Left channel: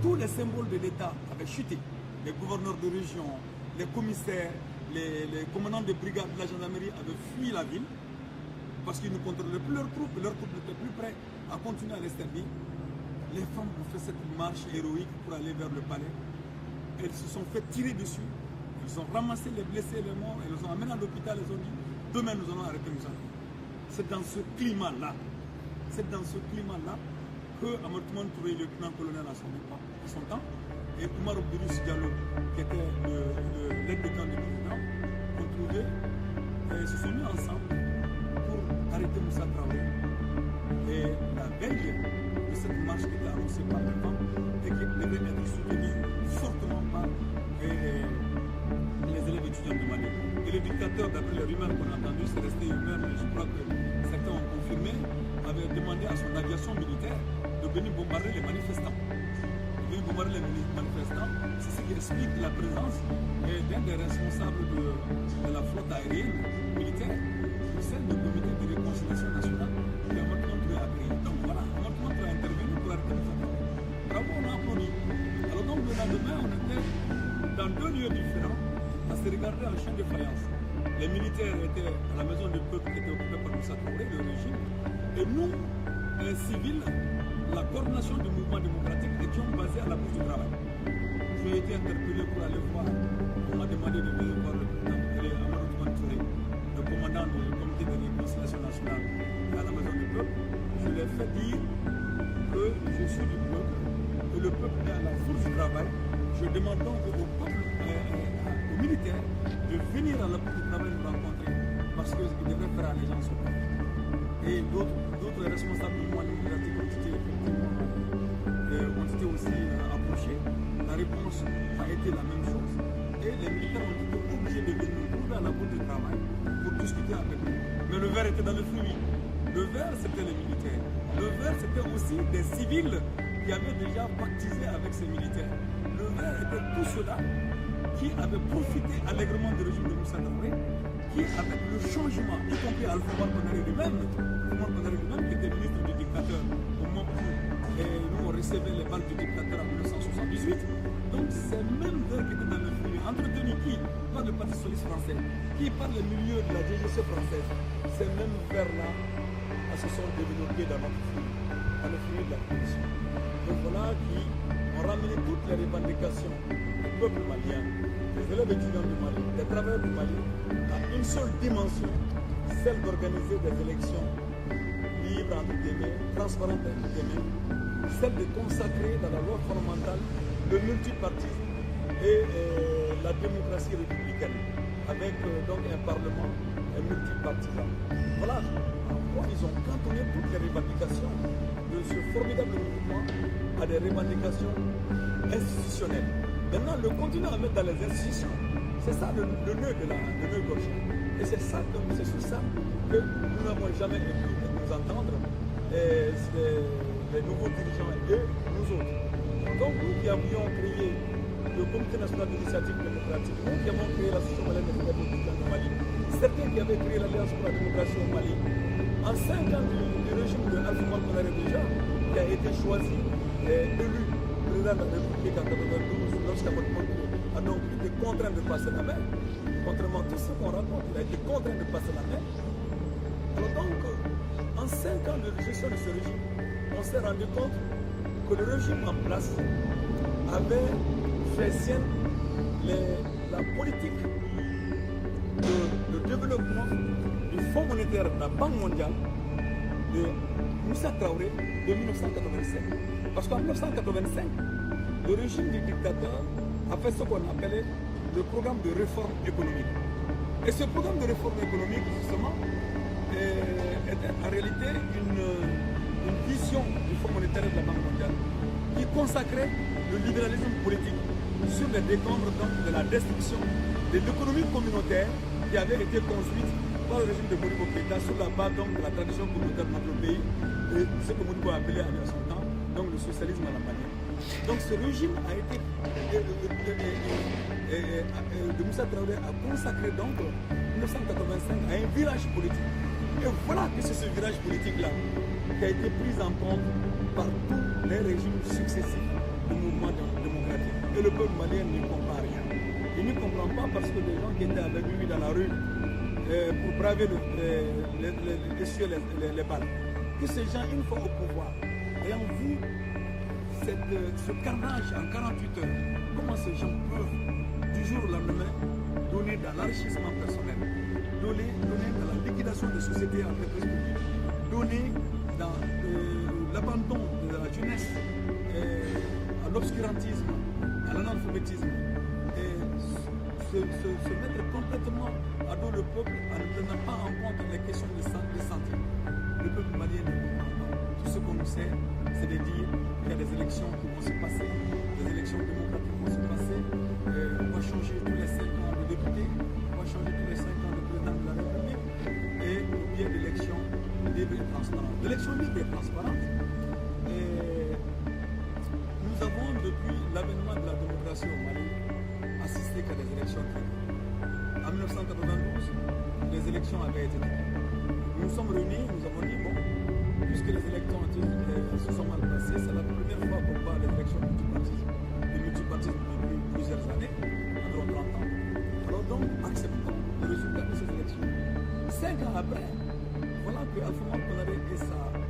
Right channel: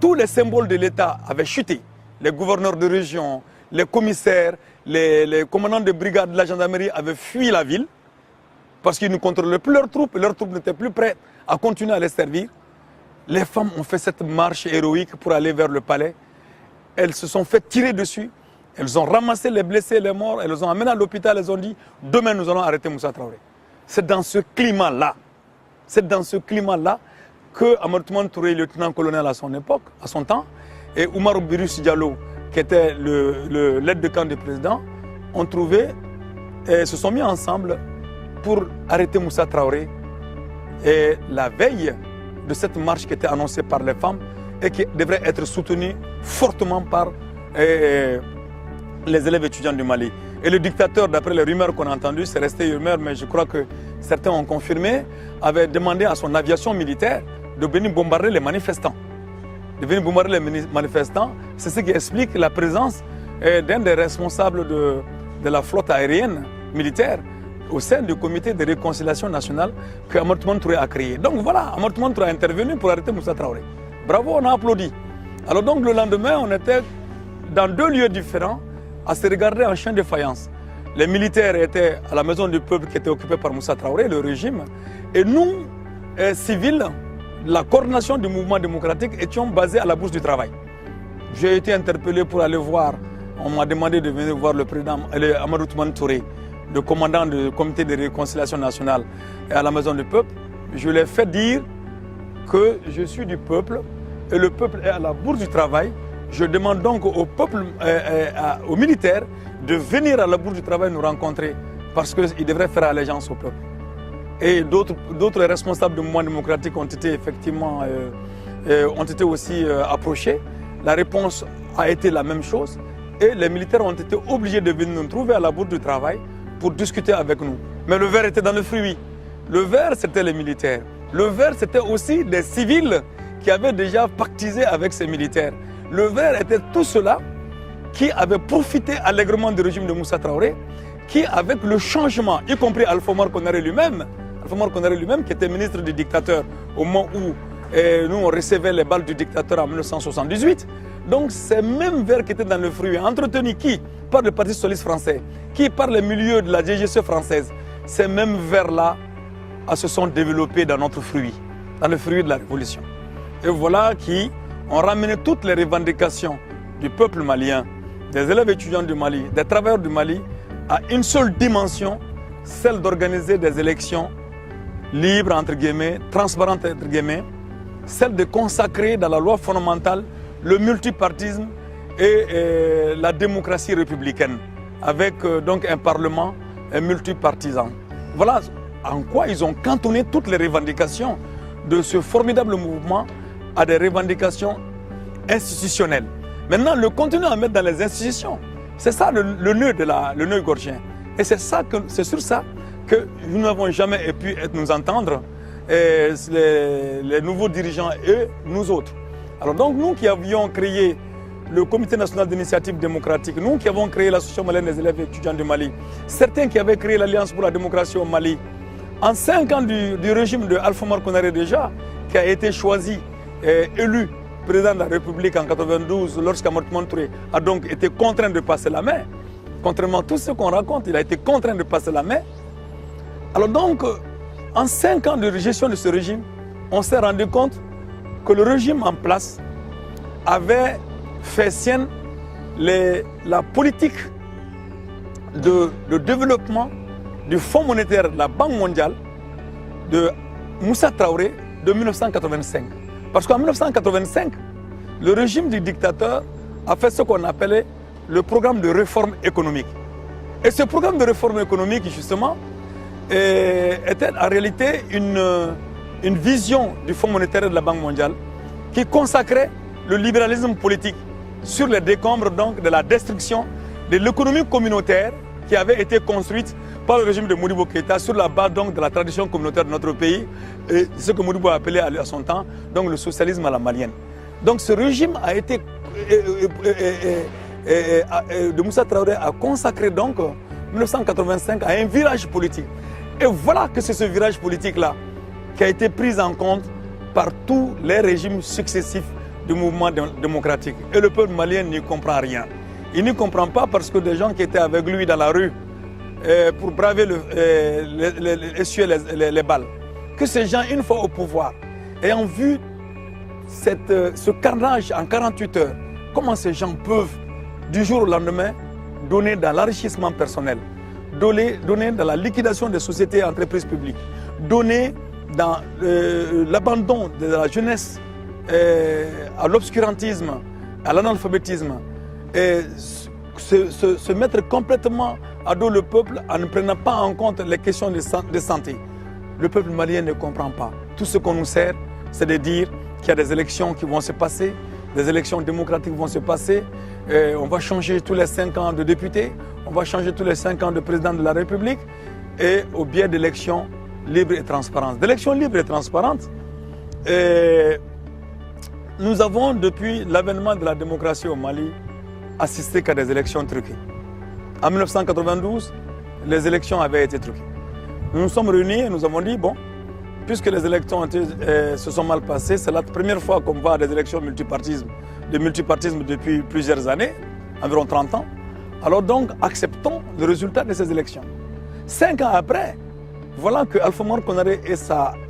tous les symboles de l'État avaient chuté. Les gouverneurs de région, les commissaires, les commandants de brigade de la gendarmerie avaient fui la ville parce qu'ils ne contrôlaient plus leurs troupes n'étaient plus prêtes à continuer à les servir. Les femmes ont fait cette marche héroïque pour aller vers le palais. Elles se sont fait tirer dessus. Elles ont ramassé les blessés, les morts. Elles les ont amenés à l'hôpital. Elles ont dit « Demain, nous allons arrêter Moussa Traoré ». C'est dans ce climat-là, que Amadou Toumani Touré, lieutenant-colonel à son époque, à son temps, et Oumar Birus Diallo, qui était l'aide de camp du président, ont trouvé et se sont mis ensemble pour arrêter Moussa Traoré. Et la veille de cette marche qui était annoncée par les femmes et qui devrait être soutenue fortement par les élèves étudiants du Mali. Et le dictateur, d'après les rumeurs qu'on a entendues, c'est resté rumeur, mais je crois que certains ont confirmé, avait demandé à son aviation militaire de venir bombarder les manifestants. C'est ce qui explique la présence d'un des responsables de la flotte aérienne militaire au sein du comité de réconciliation nationale que Amadou Toumani Touré a créé. Donc voilà, Amadou Toumani Touré a intervenu pour arrêter Moussa Traoré. Bravo, on a applaudi. Alors donc le lendemain, on était dans deux lieux différents à se regarder en chien de faïence. Les militaires étaient à la maison du peuple qui était occupée par Moussa Traoré, le régime, et nous, civils, la coordination du mouvement démocratique, étions basés à la Bourse du Travail. J'ai été interpellé pour aller voir, on m'a demandé de venir voir le président Amadou Toumani Touré, le commandant du comité de réconciliation nationale à la maison du peuple. Je lui ai fait dire que je suis du peuple et le peuple est à la Bourse du Travail. Je demande donc au peuple, aux militaires, de venir à la Bourse du Travail nous rencontrer parce qu'ils devraient faire allégeance au peuple. Et d'autres responsables du mouvement démocratique ont été effectivement aussi approchés. La réponse a été la même chose et les militaires ont été obligés de venir nous trouver à la Bourse du Travail pour discuter avec nous. Mais le verre était dans le fruit. Le verre, c'était les militaires. Le verre, c'était aussi des civils qui avaient déjà pactisé avec ces militaires. Le verre était tout cela qui avait profité allègrement du régime de Moussa Traoré, qui, avec le changement, y compris Alpha Omar Konaré lui-même, qui était ministre du dictateur au moment où nous on recevait les balles du dictateur en 1978. Donc ces mêmes vers qui étaient dans le fruit, entretenus qui par le Parti socialiste français, qui par les milieux de la DGC française, ces mêmes vers-là se sont développés dans notre fruit, dans le fruit de la révolution. Et voilà qui ont ramené toutes les revendications du peuple malien, des élèves étudiants du Mali, des travailleurs du Mali, à une seule dimension, celle d'organiser des élections libres, entre guillemets, transparentes, entre guillemets, celle de consacrer dans la loi fondamentale le multipartisme et la démocratie républicaine, avec donc un parlement multipartisan. Voilà en quoi ils ont cantonné toutes les revendications de ce formidable mouvement à des revendications institutionnelles. Maintenant, le continuer à mettre dans les institutions, c'est ça le nœud gorgien. Et c'est sur ça que nous n'avons jamais pu nous entendre, les nouveaux dirigeants et nous autres. Alors donc, nous qui avions créé le Comité national d'initiative démocratique, nous qui avons créé l'Association malienne des élèves et étudiants du Mali, certains qui avaient créé l'Alliance pour la démocratie au Mali, en 5 ans du régime de Alpha Omar Konaré déjà, qui a été choisi et élu président de la République en 1992, lorsqu'Amadou Toumani Touré a donc été contraint de passer la main, contrairement à tout ce qu'on raconte, il a été contraint de passer la main. Alors donc, en 5 ans de gestion de ce régime, on s'est rendu compte que le régime en place avait fait sienne la politique de développement du Fonds monétaire de la Banque mondiale de Moussa Traoré de 1985. Parce qu'en 1985, le régime du dictateur a fait ce qu'on appelait le programme de réforme économique. Et ce programme de réforme économique, justement, était en réalité une vision du Fonds monétaire de la Banque mondiale qui consacrait le libéralisme politique sur les décombres donc, de la destruction de l'économie communautaire qui avait été construite par le régime de Modibo Keïta sur la base donc, de la tradition communautaire de notre pays et ce que Modibo a appelé à son temps donc, le socialisme à la malienne. Donc ce régime a été, de Moussa Traoré a consacré donc 1985 à un virage politique. Et voilà que c'est ce virage politique-là qui a été pris en compte par tous les régimes successifs du mouvement démocratique. Et le peuple malien n'y comprend rien. Il n'y comprend pas parce que des gens qui étaient avec lui dans la rue pour braver essuyer les balles, que ces gens, une fois au pouvoir, ayant vu ce carnage en 48 heures, comment ces gens peuvent, du jour au lendemain, donner dans l'enrichissement personnel, donner dans la liquidation des sociétés et entreprises publiques, donner dans l'abandon de la jeunesse à l'obscurantisme, à l'analphabétisme, et se mettre complètement à dos le peuple en ne prenant pas en compte les questions de santé. Le peuple malien ne comprend pas. Tout ce qu'on nous sert, c'est de dire qu'il y a des élections qui vont se passer, des élections démocratiques vont se passer, on va changer tous les 5 ans de députés, on va changer tous les 5 ans de président de la République, et au biais d'élections libres et transparentes. D'élections libres et transparentes, nous avons, depuis l'avènement de la démocratie au Mali, assisté qu'à des élections truquées. En 1992, les élections avaient été truquées. Nous nous sommes réunis et nous avons dit, bon, puisque les élections se sont mal passées, c'est la première fois qu'on va à des élections de multipartisme depuis plusieurs années, environ 30 ans. Alors donc, acceptons le résultat de ces élections. 5 ans après, voilà que Alpha Oumar Konaré et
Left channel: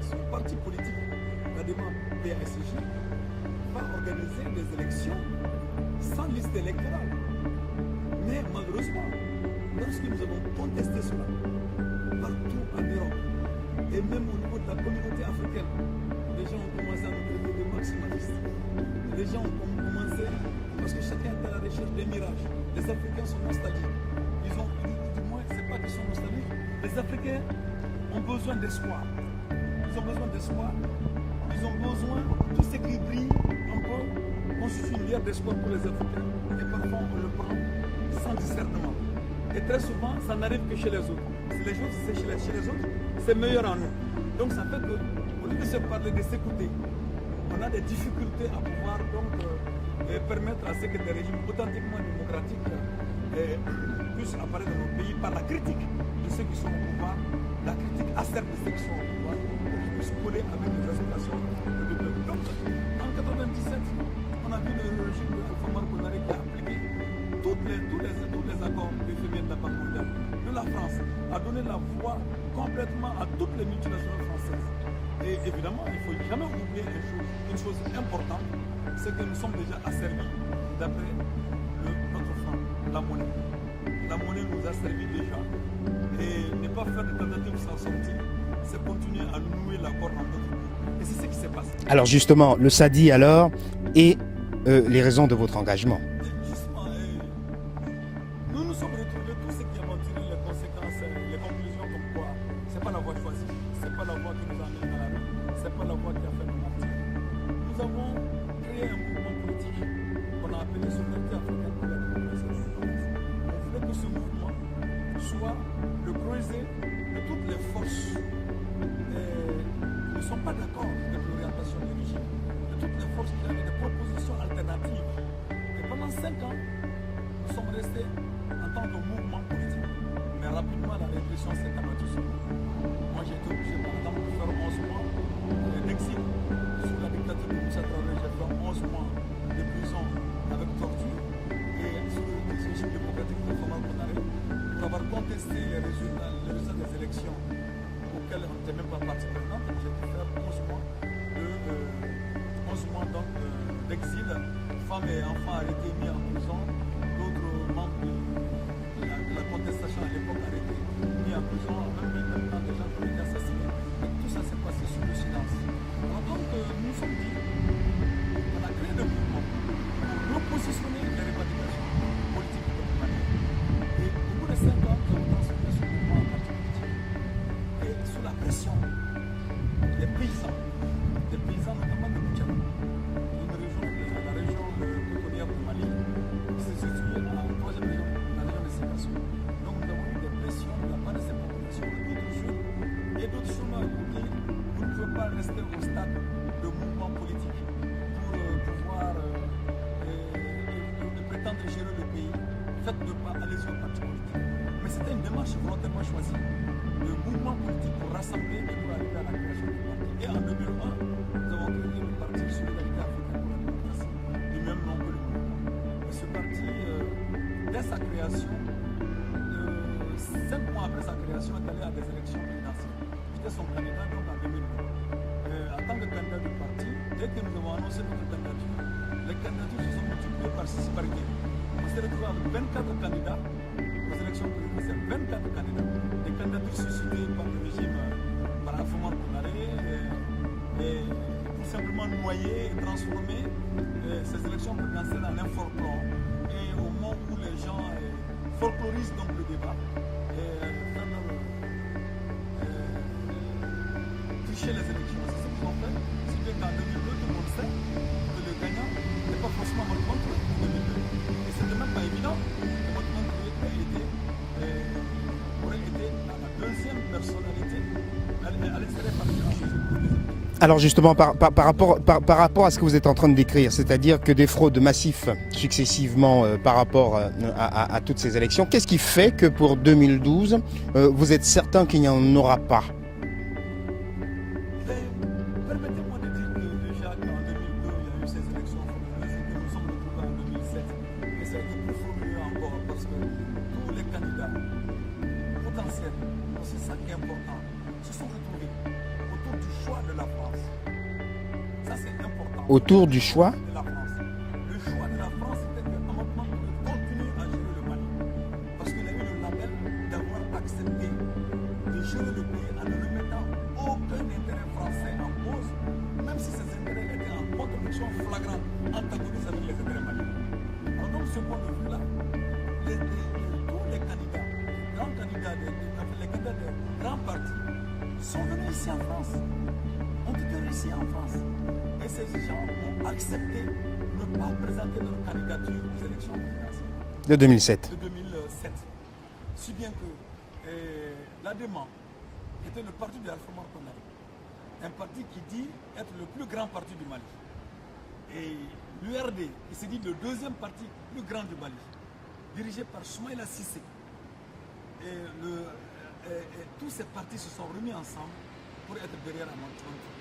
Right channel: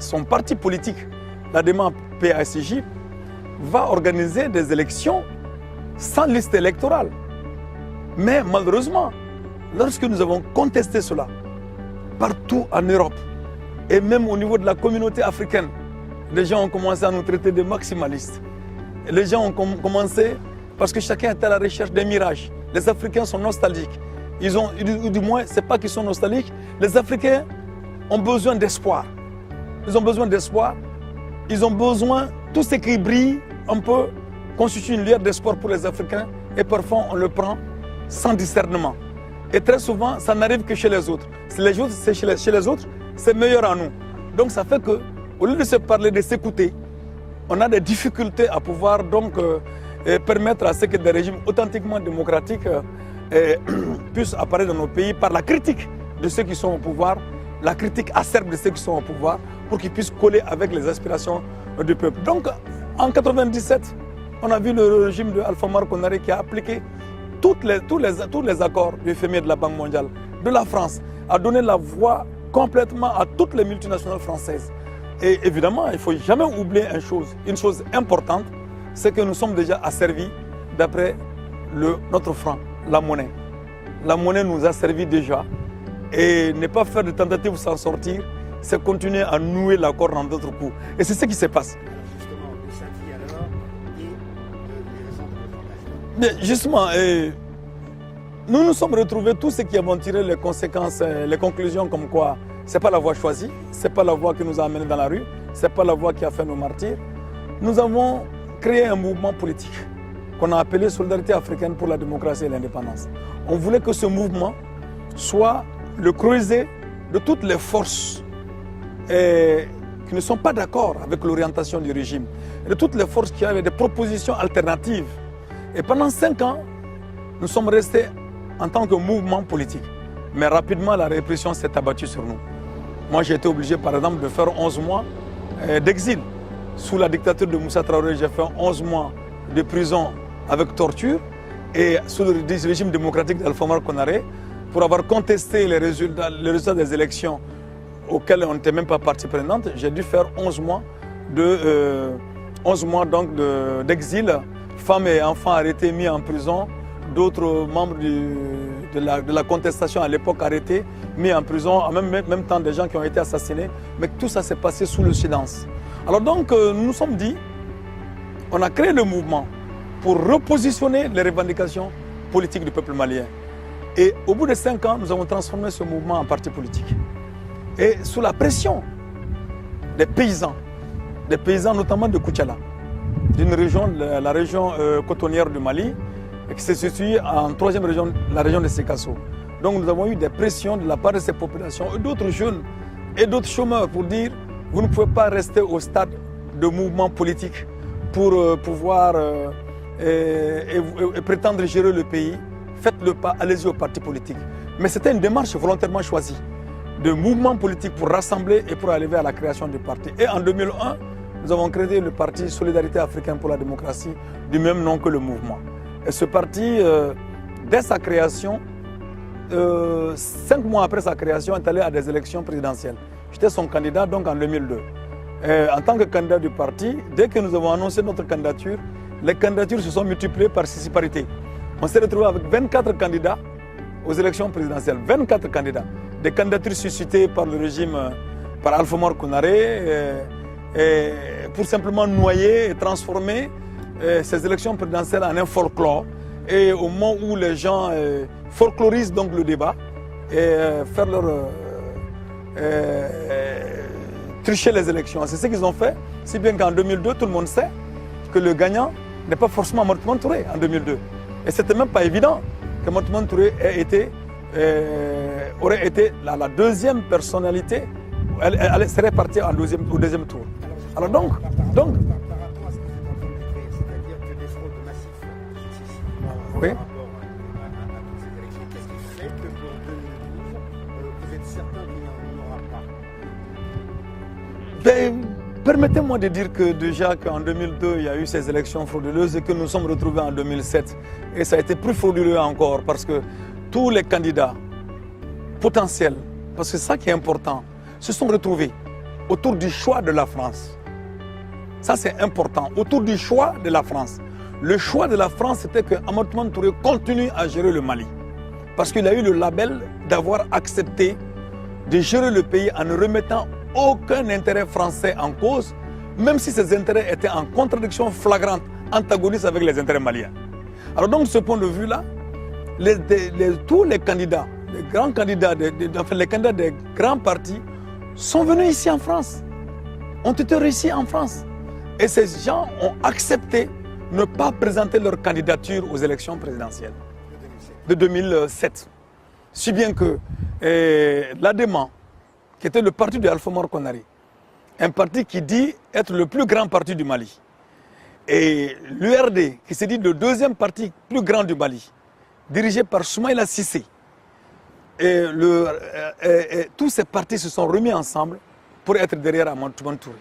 son parti politique, la démarche PASJ, va organiser des élections sans liste électorale. Mais malheureusement, lorsque nous avons contesté cela, partout en Europe, et même au niveau de la communauté africaine, les gens ont commencé à nous traiter de maximalistes. Et les gens ont commencé, parce que chacun est à la recherche d'un mirage. Les Africains sont nostalgiques. Ou du moins, ce n'est pas qu'ils sont nostalgiques, les Africains ont besoin d'espoir. Ils ont besoin d'espoir. Ils ont besoin, tout ce qui brille un peu, constitue une lueur d'espoir pour les Africains. Et parfois, on le prend sans discernement. Et très souvent, ça n'arrive que chez les autres. Si les autres, c'est chez les autres, c'est meilleur en nous. Donc ça fait qu'au lieu de se parler, de s'écouter, on a des difficultés à pouvoir donc permettre à ce que des régimes authentiquement démocratiques puissent apparaître dans nos pays par la critique de ceux qui sont au pouvoir, la critique acerbe de ceux qui sont au pouvoir, pour qu'ils puissent coller avec les aspirations du peuple. Donc en 1997, on a vu le régime de Alpha Oumar Konaré qui a appliqué tous les accords du FMI de la Banque mondiale, de la France, a donné la voix complètement à toutes les multinationales françaises. Et évidemment, il ne faut jamais oublier une chose importante, c'est que nous sommes déjà asservis d'après notre franc, la monnaie. La monnaie nous a servi déjà. Et ne pas faire de tentatives pour s'en sortir, c'est continuer à nouer l'accord dans d'autres coups. Et c'est ce qui se passe. Alors justement, le SADI alors, et les raisons de votre engagement. Mais justement, nous nous sommes retrouvés, tous ceux qui avons tiré les conséquences, les conclusions comme quoi ce n'est pas la voie choisie, ce n'est pas la voie qui nous a amenés dans la rue, ce n'est pas la voie qui a fait nos martyrs. Nous avons créé un mouvement politique qu'on a appelé Solidarité africaine pour la démocratie et l'indépendance. On voulait que ce mouvement soit le creuset de toutes les forces qui ne sont pas d'accord avec l'orientation du régime, de toutes les forces qui avaient des propositions alternatives. Et pendant 5 ans, nous sommes restés en tant que mouvement politique. Mais rapidement, la répression s'est abattue sur nous. Moi, j'ai été obligé, par exemple, de faire 11 mois d'exil. Sous la dictature de Moussa Traoré, j'ai fait 11 mois de prison avec torture. Et sous le régime démocratique d'Alpha Oumar Konaré, pour avoir contesté les résultats des élections auxquelles on n'était même pas partie prenante, j'ai dû faire 11 mois d'exil. Femmes et enfants arrêtés, mis en prison. D'autres membres de la contestation à l'époque arrêtés, mis en prison, en même temps des gens qui ont été assassinés. Mais tout ça s'est passé sous le silence. Alors donc, nous nous sommes dit, on a créé le mouvement pour repositionner les revendications politiques du peuple malien. Et au bout de 5 ans, nous avons transformé ce mouvement en parti politique. Et sous la pression des paysans notamment de Koutiala, d'une région, la région cotonnière du Mali, qui se situe en 3e région, la région de Sékasso. Donc nous avons eu des pressions de la part de ces populations et d'autres jeunes et d'autres chômeurs pour dire vous ne pouvez pas rester au stade de mouvement politique pour pouvoir et prétendre gérer le pays. Faites le pas, allez-y au parti politique. Mais c'était une démarche volontairement choisie de mouvement politique pour rassembler et pour arriver à la création du parti. Et en 2001, nous avons créé le parti Solidarité africaine pour la démocratie, du même nom que le mouvement. Et ce parti, dès sa création, 5 mois après sa création, est allé à des élections présidentielles. J'étais son candidat donc en 2002. En tant que candidat du parti, dès que nous avons annoncé notre candidature, les candidatures se sont multipliées par 6 parités. On s'est retrouvé avec 24 candidats aux élections présidentielles. 24 candidats. Des candidatures suscitées par le régime, par Alpha Omar Konaré, pour simplement noyer et transformer ces élections présidentielles en un folklore. Et au moment où les gens folklorisent donc le débat et faire leur tricher les élections. C'est ce qu'ils ont fait, si bien qu'en 2002, tout le monde sait que le gagnant n'est pas forcément Mortimer Touré en 2002. Et c'était même pas évident que Mortimer Touré aurait été la deuxième personnalité. Elle serait partie au deuxième tour. Alors justement, par rapport à ce que vous êtes en train de décrire, c'est-à-dire que des fraudes massives successivement oui. Par rapport à toutes ces élections, qu'est-ce qui fait que pour 2012, vous êtes certain qu'il n'y en aura pas? Permettez-moi de dire que déjà qu'en 2002, il y a eu ces élections frauduleuses et que nous sommes retrouvés en 2007. Et ça a été plus frauduleux encore parce que tous les candidats potentiels, parce que c'est ça qui est important, se sont retrouvés autour du choix de la France. Ça, c'est important. Autour du choix de la France. Le choix de la France, c'était que Amadou Touré continue à gérer le Mali. Parce qu'il a eu le label d'avoir accepté de gérer le pays en ne remettant aucun intérêt français en cause, même si ces intérêts étaient en contradiction flagrante, antagoniste avec les intérêts maliens. Alors donc, de ce point de vue-là, tous les candidats, les grands candidats, les candidats des grands partis sont venus ici en France, ont été réussis en France. Et ces gens ont accepté de ne pas présenter leur candidature aux élections présidentielles. De 2007. De 2007. Si bien que l'ADEMA, qui était le parti de Alpha Omar Konaré, un parti qui dit être le plus grand parti du Mali, et l'URD, qui se dit le deuxième parti plus grand du Mali, dirigé par Soumaïla Cissé, tous ces partis se sont remis ensemble pour être derrière Amadou Touré.